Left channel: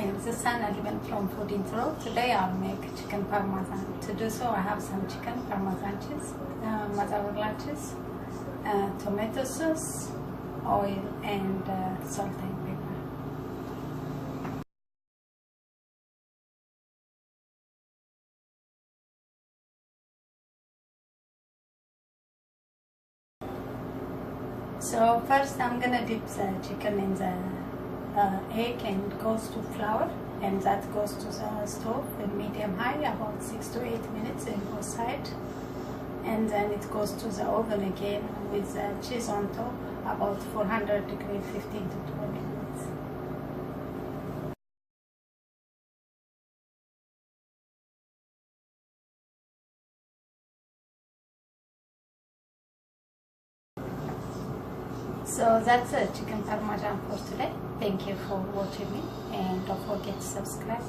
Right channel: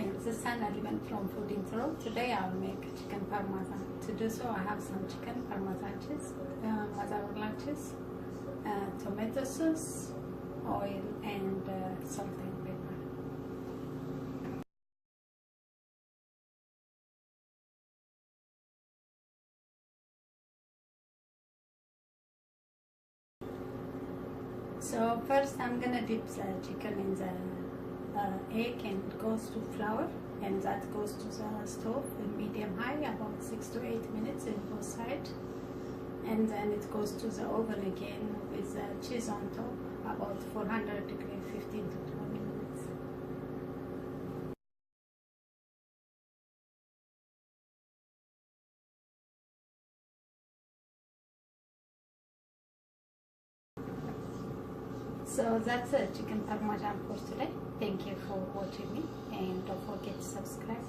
Hi, this is Sana Liban from Food Intro. Today I'll make chicken parmesan. To do so, I have some chicken parmesan cheese, mozzarella cheese, tomato sauce, oil, and salt and pepper. So first I'm gonna dip the chicken in the egg, and it goes to flour, and that goes to the stove in medium high about 6 to 8 minutes in both sides, and then it goes to the oven again with the cheese on top about 400 degrees 15 to 20 minutes. So that's a chicken parmesan for today. Thank you for watching me, and don't forget to subscribe.